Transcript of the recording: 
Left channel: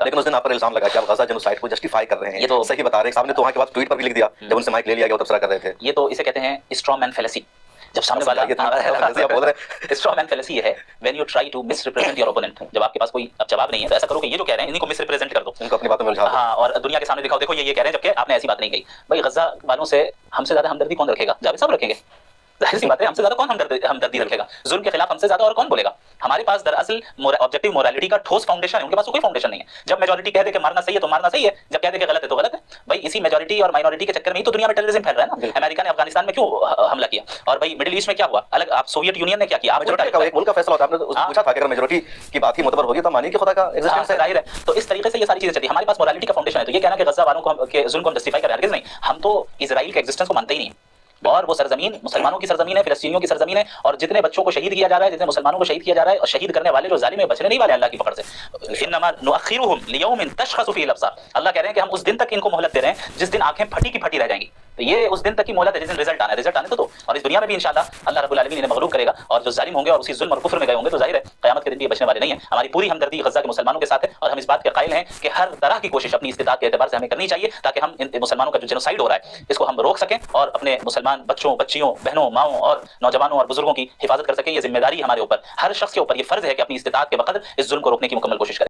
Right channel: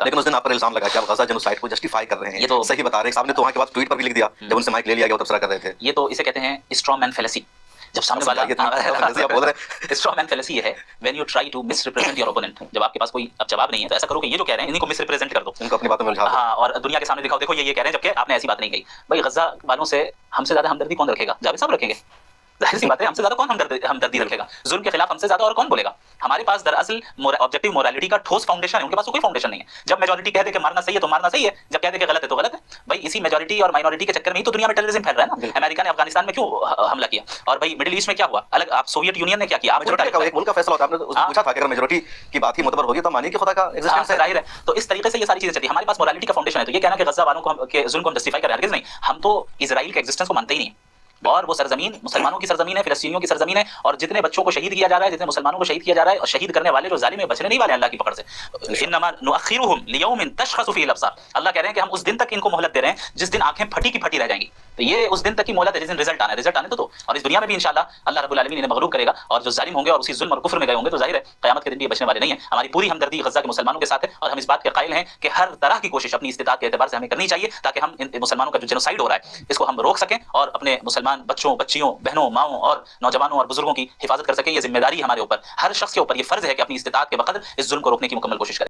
सकता। लेकिन उस दिन आप पर इल्जाम लगा कि आप गजा जेनोसाइड को जस्टिफाई कर रहे हैं, ये तो सही बता रहे हैं। सामने तो वहाँ के बाद ट्वीट पर भी लिख दिया जब उनसे माइक ले लिया गया, वो तबसरा कर रहे थे। ये तो इसे कहते हैं स्ट्रॉ मैन फेलेसी। जब सामने वाला बोल रहे स्ट्रॉ मैन फेलेसी ये है when you try to misrepresent your opponent. जब आपके पास कोई अब जवाब नहीं है तो ऐसा करो कि ये जो कह रहे हैं इन्हीं को मिसरिप्रेजेंट कर दो, इनको अपनी बातों में उलझा दो। हाँ, और दुनिया के सामने दिखाओ देखो ये कह रहे हैं जबकि आपने ऐसी बात नहीं कही। भाई गजा वालों से हमसे ज्यादा हमदर्दी कौन रखेगा? जावेद साहब रखेंगे, जाहिर सी बात है। हमसे ज्यादा कौन हमदर्दी रखेगा? जुल्म के खिलाफ हमसे ज्यादा और कौन बोलेगा? हमारे पास दरअसल ऑब्जेक्टिव मोरालिटी का ठोस फाउंडेशन है, उनके पास कोई फाउंडेशन नहीं है। जब मेजॉरिटी कह दे कि मारना सही है तो मारना सही है, जब कह दे कि गलत है तो गलत है। भाई इसी मेजॉरिटी और माइनॉरिटी के चक्कर में ही तो दुनिया में टेररिज्म फैल रहा है ना। अमेरिका ने अफगानिस्तान में क्यों हमला किया, और भाई मिडिल ईस्ट में क्या हुआ अलग, आप सोवियत यूनियन ने क्या किया? आप एक मुल्क का फैसला होता है। आपने पूछा था कि अगर मेजॉरिटी की बात ही मुतबर होगी तो मानिए कि खुदा का एग्जिस्टेंस है, जाहिर है। तो इस तरीके से ये सारी चीजें चलती है। हमारे पास मोरालिटी का फाउंडेशन है, तो ये कहना कि गजा वालों को के जुल्म को हम जस्टिफाई कर रहे हैं, हरगिज़ नहीं। हम तो इजराइल के एग्जिस्टेंस को मानते ही नहीं, और वो सरजमीन मुसलमानों की सरजमीन है, फिलिस्तीनियों की सरजमीन है, और जितने बच्चों को शहीद किया जा रहा है, जितने मुसलमानों को शहीद किया जा रहा है, और शहीद करने वाले जो जालिम है बचने नहीं वाले अल्लाह की पकड़ से। इन्नमा नुअखिरुहुम लियौमिन तशखसु फीहिल अब्सार। अल्लाह कह रहे हैं कि हम उस दिन तक इनको मोहलत दे रहे हैं जिस दिन आंखें फटी की फटी रह जाएंगी। तो ये उस दिन तक की मोहलत है जिस दिन रिजल्ट आना है। रिजल्ट आने तो दो, और इस दुनिया में भी इंशाल्लाह अल्लाह रब्बुल आलमीन इन्हें मगलूब करेगा, और जो जालिम होंगे और उसी जुल्म और कुफ्र में गए होंगे तो जाहिर है क़यामत के दिन भी बचने वाले नहीं है। हमारी पूरी हमदर्दी गजा के मुसलमानों के साथ है, और हम इस बात के कायल हैं कि हर तरह की कोशिश अपनी इस्तिताअत के एतबार से हमें करनी चाहिए ताकि हम इन मुसलमानों का जो जेनोसाइड हो रहा है इसको हम रोक सकें, और अपने मुसलमान बच्चों, बच्चियों, बहनों, माओं और नौजवानों और बुजुर्गों की हिफाजत कर सकें। ये जिम्मेदारी हमारे ऊपर, हर शख्स के ऊपर ये फर्ज है कि अपनी इस्तिताअत के वक़्त इस जुल्म को रोकने की मुकम्मल कोशिश करें।